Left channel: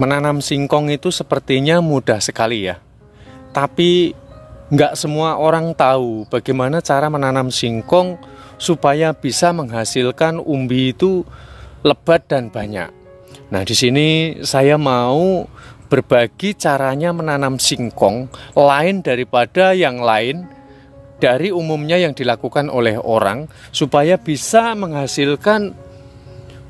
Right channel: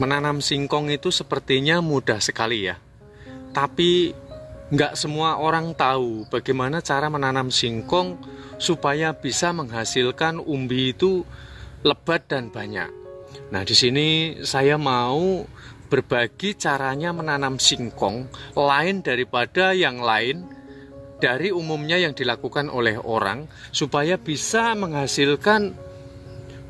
Menanam singkong itu sepertinya mudah sekali ya. Tapi nggak semua orang tahu bagaimana cara menanam singkong supaya bisa menghasilkan umbi itu lebat dan banyak. Nah, di sini saya mau berbagi caranya menanam singkong lain daripada yang lain dari umumnya yang dilakukan oleh orang supaya bisa menghasilkan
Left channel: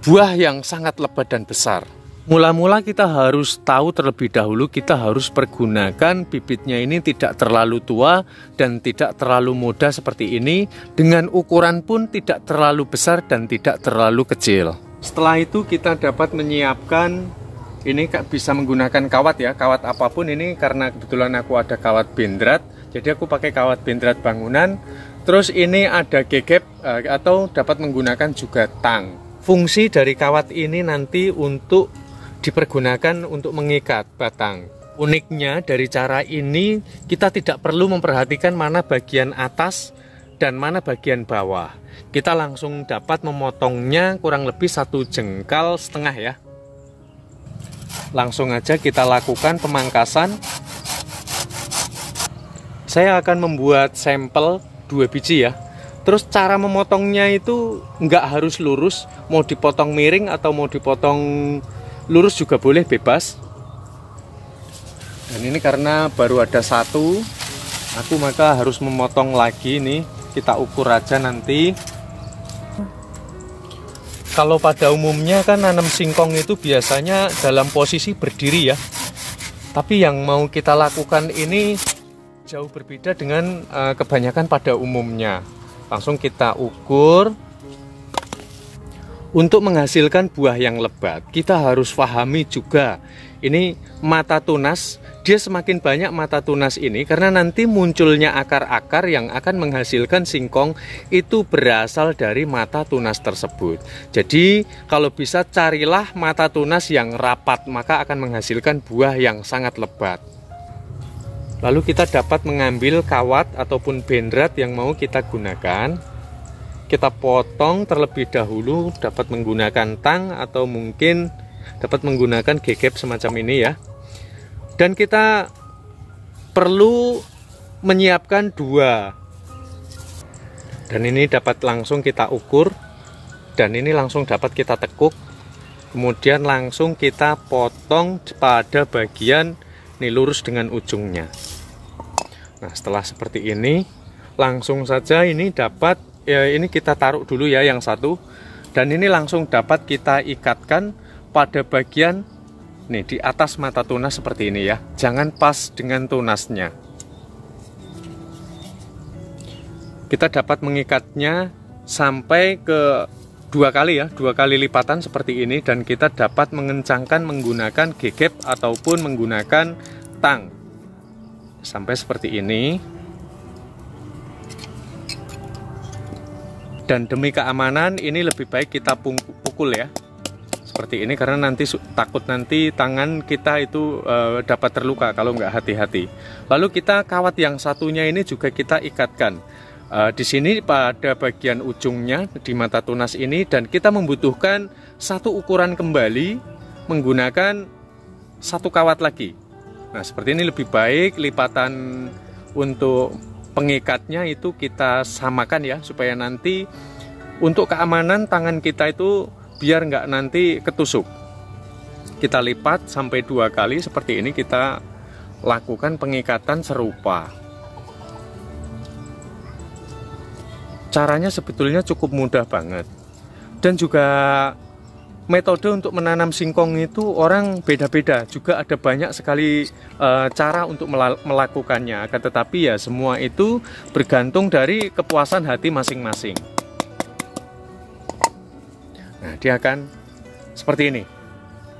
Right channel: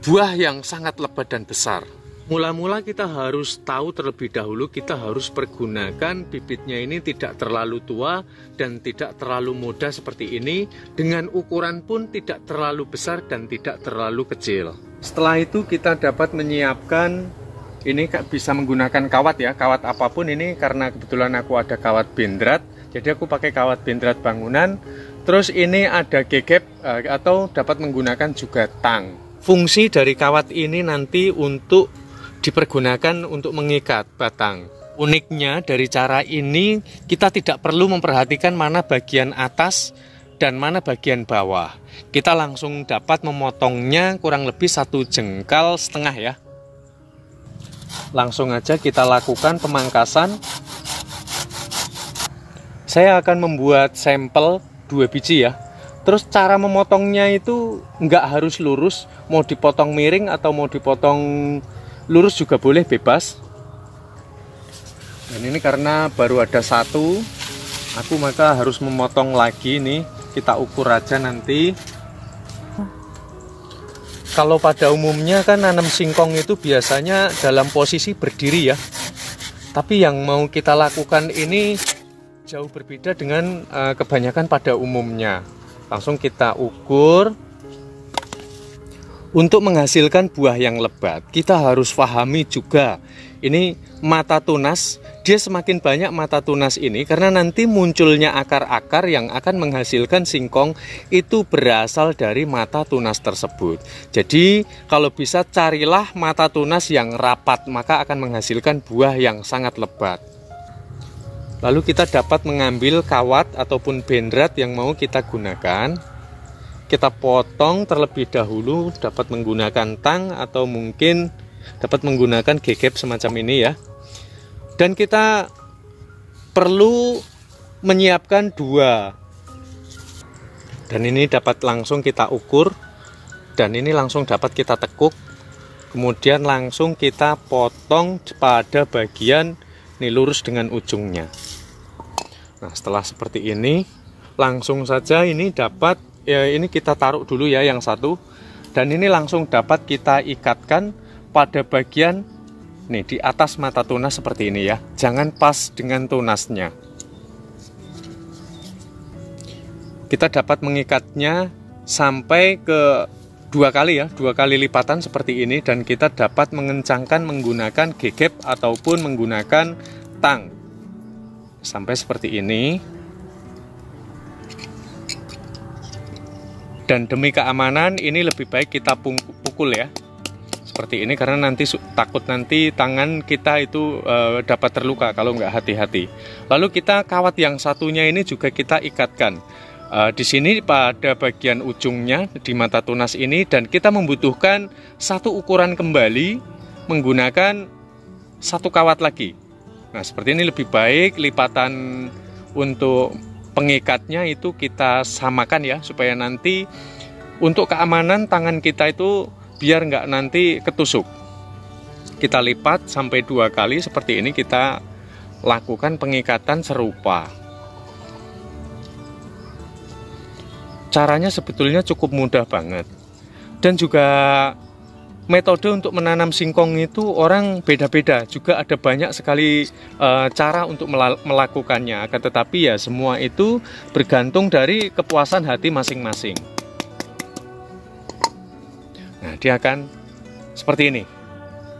buah yang sangat lebat dan besar. Mula-mula kita harus tahu terlebih dahulu, kita harus pergunakan bibitnya ini tidak terlalu tua dan tidak terlalu muda seperti ini, dengan ukuran pun tidak terlalu besar dan tidak terlalu kecil. Setelah itu kita dapat menyiapkan, ini bisa menggunakan kawat ya, kawat apapun ini, karena kebetulan aku ada kawat bendrat, jadi aku pakai kawat bendrat bangunan. Terus ini ada gegep atau dapat menggunakan juga tang. Fungsi dari kawat ini nanti untuk dipergunakan untuk mengikat batang. Uniknya dari cara ini kita tidak perlu memperhatikan mana bagian atas dan mana bagian bawah. Kita langsung dapat memotongnya kurang lebih 1,5 jengkal ya. Langsung aja kita lakukan pemangkasan. Saya akan membuat sampel 2 biji ya. Terus cara memotongnya itu nggak harus lurus, mau dipotong miring atau mau dipotong lurus juga boleh, bebas. Dan ini karena baru ada satu, aku maka harus memotong lagi nih. Kita ukur aja nanti. Kalau pada umumnya kan nanam singkong itu biasanya dalam posisi berdiri ya. Tapi yang mau kita lakukan ini jauh berbeda dengan kebanyakan pada umumnya. Langsung kita ukur. Untuk menghasilkan buah yang lebat, kita harus pahami juga ini mata tunas. Dia semakin banyak mata tunas ini karena nanti munculnya akar-akar yang akan menghasilkan singkong itu berasal dari mata tunas tersebut. Jadi kalau bisa carilah mata tunas yang rapat, maka akan menghasilkan buah yang sangat lebat. Lalu kita dapat mengambil kawat ataupun bendrat yang mau kita gunakan. Kita potong terlebih dahulu, dapat menggunakan tang atau mungkin dapat menggunakan gegep semacam ini ya. Dan kita perlu menyiapkan 2. Dan ini dapat langsung kita ukur. Dan ini langsung dapat kita tekuk. Kemudian langsung kita potong pada bagian ini lurus dengan ujungnya. Nah, setelah seperti ini, langsung saja ini dapat ya, ini kita taruh dulu ya yang satu, dan ini langsung dapat kita ikatkan pada bagian nih di atas mata tunas seperti ini ya. Jangan pas dengan tunasnya. Kita dapat mengikatnya sampai ke 2 kali ya, 2 kali lipatan seperti ini, dan kita dapat mengencangkan menggunakan gegep ataupun menggunakan tang sampai seperti ini. Dan demi keamanan ini lebih baik kita pukul ya, seperti ini, karena nanti takut nanti tangan kita itu dapat terluka kalau nggak hati-hati. Lalu kita kawat yang satunya ini juga kita ikatkan di sini pada bagian ujungnya di mata tunas ini, dan kita membutuhkan satu ukuran kembali menggunakan 1 kawat lagi. Nah, seperti ini lebih baik lipatan untuk pengikatnya itu kita samakan ya, supaya nanti untuk keamanan tangan kita itu biar nggak nanti ketusuk. Kita lipat sampai 2 kali seperti ini, kita lakukan pengikatan serupa. Caranya sebetulnya cukup mudah banget. Dan juga metode untuk menanam singkong itu orang beda-beda, juga ada banyak sekali cara untuk melakukannya. Akan tetapi ya semua itu bergantung dari kepuasan hati masing-masing. Nah, dia akan seperti ini.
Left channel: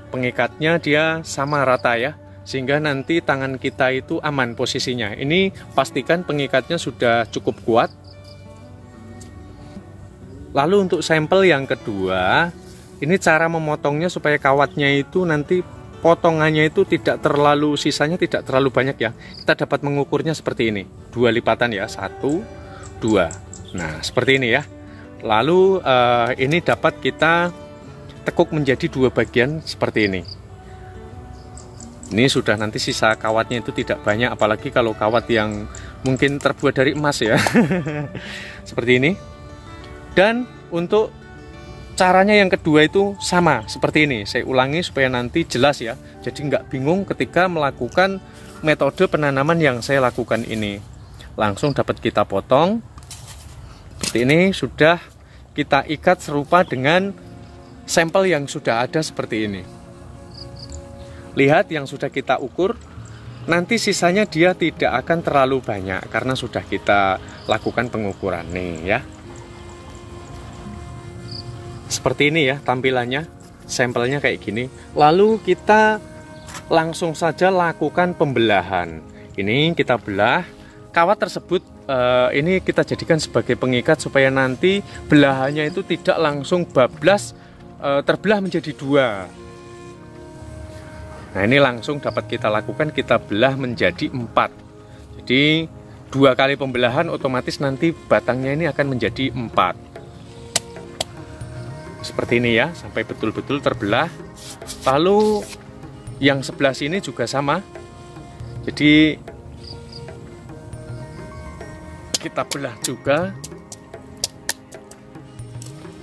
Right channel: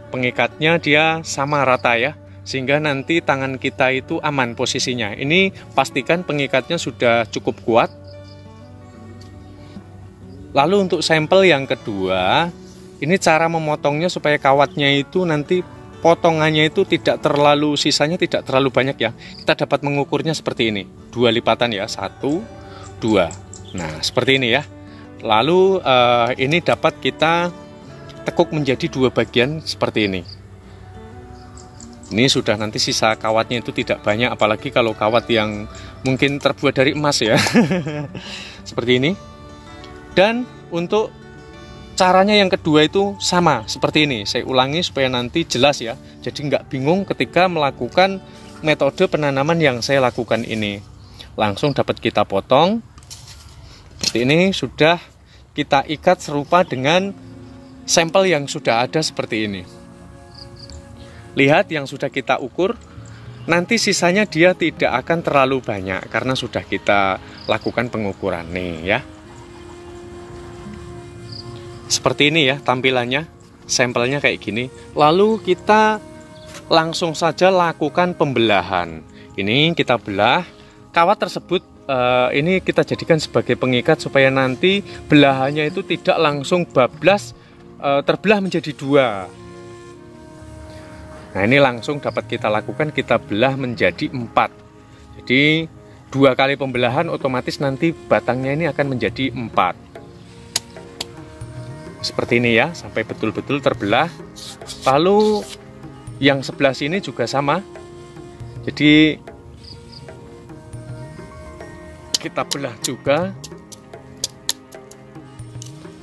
Pengikatnya dia sama rata ya, sehingga nanti tangan kita itu aman posisinya. Ini pastikan pengikatnya sudah cukup kuat. Lalu untuk sampel yang kedua, ini cara memotongnya supaya kawatnya itu nanti potongannya itu tidak terlalu, sisanya tidak terlalu banyak ya. Kita dapat mengukurnya seperti ini, 2 lipatan ya, 1, 2. Nah, seperti ini ya. Lalu ini dapat kita tekuk menjadi 2 bagian seperti ini. Ini sudah nanti sisa kawatnya itu tidak banyak, apalagi kalau kawat yang mungkin terbuat dari emas ya. Seperti ini. Dan untuk caranya yang kedua itu sama seperti ini. Saya ulangi supaya nanti jelas ya. Jadi nggak bingung ketika melakukan metode penanaman yang saya lakukan ini. Langsung dapat kita potong. Seperti ini, sudah kita ikat serupa dengan sampel yang sudah ada seperti ini. Lihat yang sudah kita ukur, nanti sisanya dia tidak akan terlalu banyak karena sudah kita lakukan pengukuran nih ya. Seperti ini ya tampilannya, sampelnya kayak gini. Lalu kita langsung saja lakukan pembelahan. Ini kita belah, kawat tersebut ini kita jadikan sebagai pengikat supaya nanti belahannya itu tidak langsung bablas, terbelah menjadi dua. Nah ini langsung dapat kita lakukan, kita belah menjadi 4. Jadi 2 kali pembelahan otomatis nanti batangnya ini akan menjadi 4. Seperti ini ya, sampai betul-betul terbelah. Lalu yang sebelah sini juga sama. Jadi kita belah juga.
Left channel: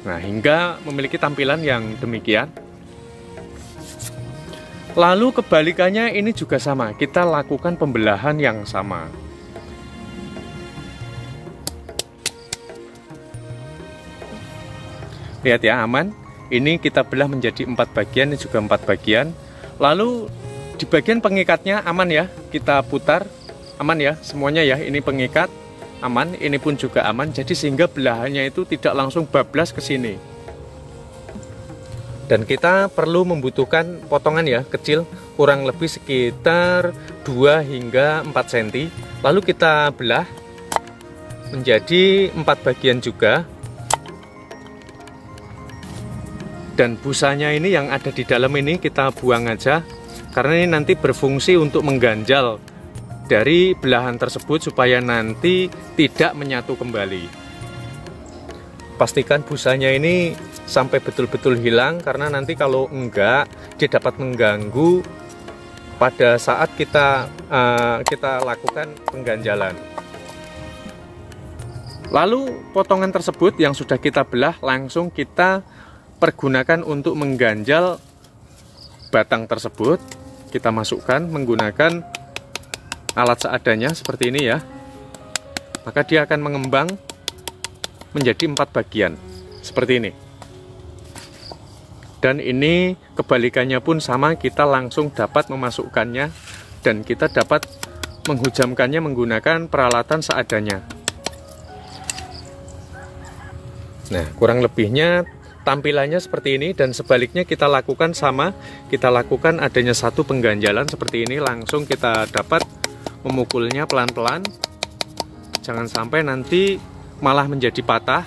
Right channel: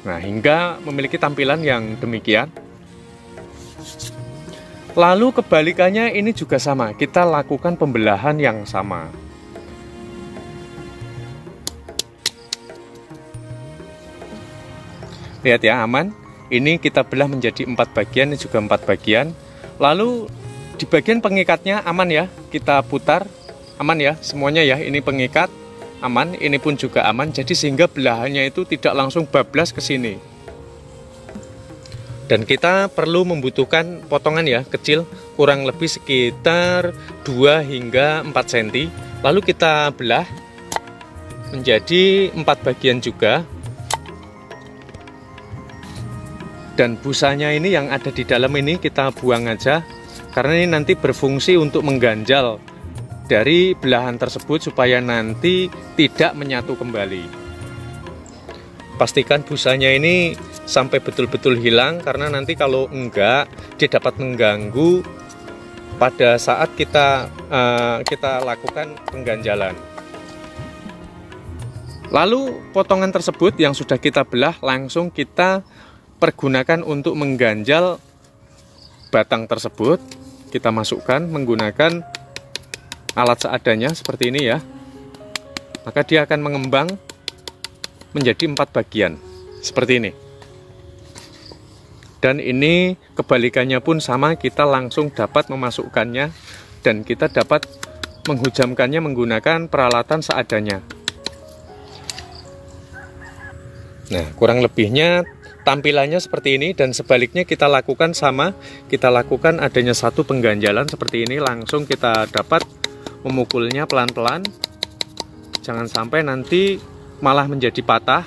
Nah hingga memiliki tampilan yang demikian. Lalu kebalikannya ini juga sama, kita lakukan pembelahan yang sama. Lihat ya, aman. Ini kita belah menjadi 4 bagian, ini juga 4 bagian. Lalu di bagian pengikatnya aman ya, kita putar, aman ya, semuanya ya, ini pengikat, aman, ini pun juga aman. Jadi sehingga belahannya itu tidak langsung bablas ke sini. Dan kita perlu membutuhkan potongan ya, kecil, kurang lebih sekitar 2 hingga 4 cm. Lalu kita belah menjadi 4 bagian juga. Dan busanya ini yang ada di dalam ini kita buang aja, karena ini nanti berfungsi untuk mengganjal dari belahan tersebut supaya nanti tidak menyatu kembali. Pastikan busanya ini sampai betul-betul hilang, karena nanti kalau enggak dia dapat mengganggu pada saat kita lakukan pengganjalan. Lalu potongan tersebut yang sudah kita belah langsung kita pergunakan untuk mengganjal batang tersebut. Kita masukkan menggunakan alat seadanya seperti ini ya. Maka dia akan mengembang menjadi 4 bagian seperti ini. Dan ini kebalikannya pun sama, kita langsung dapat memasukkannya dan kita dapat menghujamkannya menggunakan peralatan seadanya. Nah, kurang lebihnya tampilannya seperti ini, dan sebaliknya kita lakukan sama, kita lakukan adanya satu pengganjalan seperti ini, langsung kita dapat memukulnya pelan-pelan. Jangan sampai nanti malah menjadi patah.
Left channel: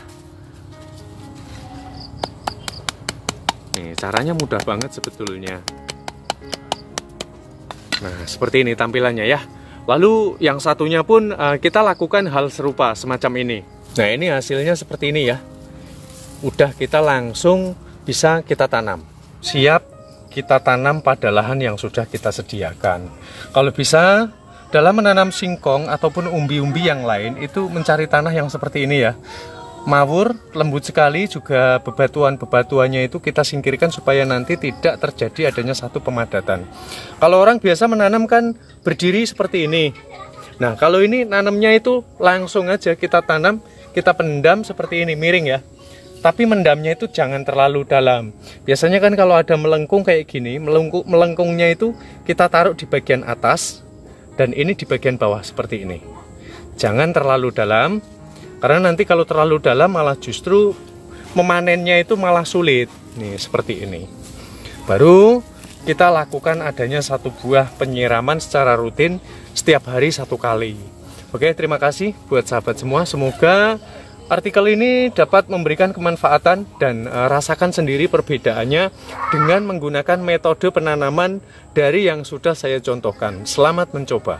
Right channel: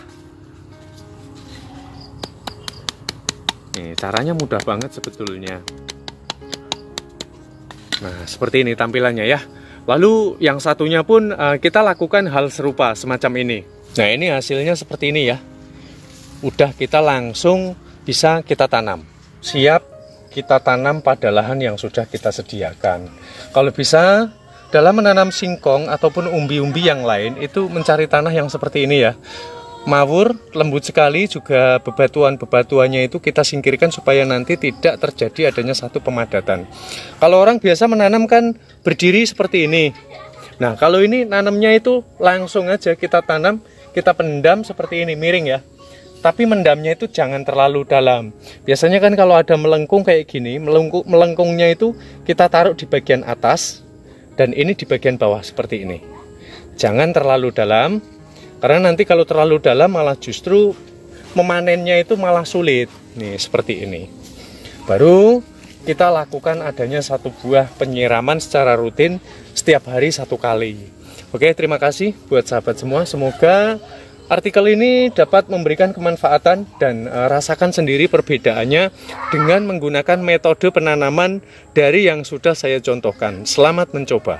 Nih, caranya mudah banget sebetulnya. Nah, seperti ini tampilannya ya. Lalu yang satunya pun kita lakukan hal serupa semacam ini. Nah, ini hasilnya seperti ini ya. Udah kita langsung bisa kita tanam. Siap kita tanam pada lahan yang sudah kita sediakan. Kalau bisa dalam menanam singkong ataupun umbi-umbi yang lain itu mencari tanah yang seperti ini ya. Mawur, lembut sekali, juga bebatuan-bebatuannya itu kita singkirkan supaya nanti tidak terjadi adanya satu pemadatan. Kalau orang biasa menanam kan berdiri seperti ini. Nah, kalau ini nanamnya itu langsung aja kita tanam, kita pendam seperti ini, miring ya. Tapi mendamnya itu jangan terlalu dalam. Biasanya kan kalau ada melengkung kayak gini, melengkungnya itu kita taruh di bagian atas, dan ini di bagian bawah seperti ini. Jangan terlalu dalam, karena nanti kalau terlalu dalam malah justru memanennya itu malah sulit. Nih seperti ini. Baru kita lakukan adanya satu buah penyiraman secara rutin setiap hari 1 kali. Oke, terima kasih buat sahabat semua. Semoga artikel ini dapat memberikan kemanfaatan dan rasakan sendiri perbedaannya dengan menggunakan metode penanaman dari yang sudah saya contohkan. Selamat mencoba.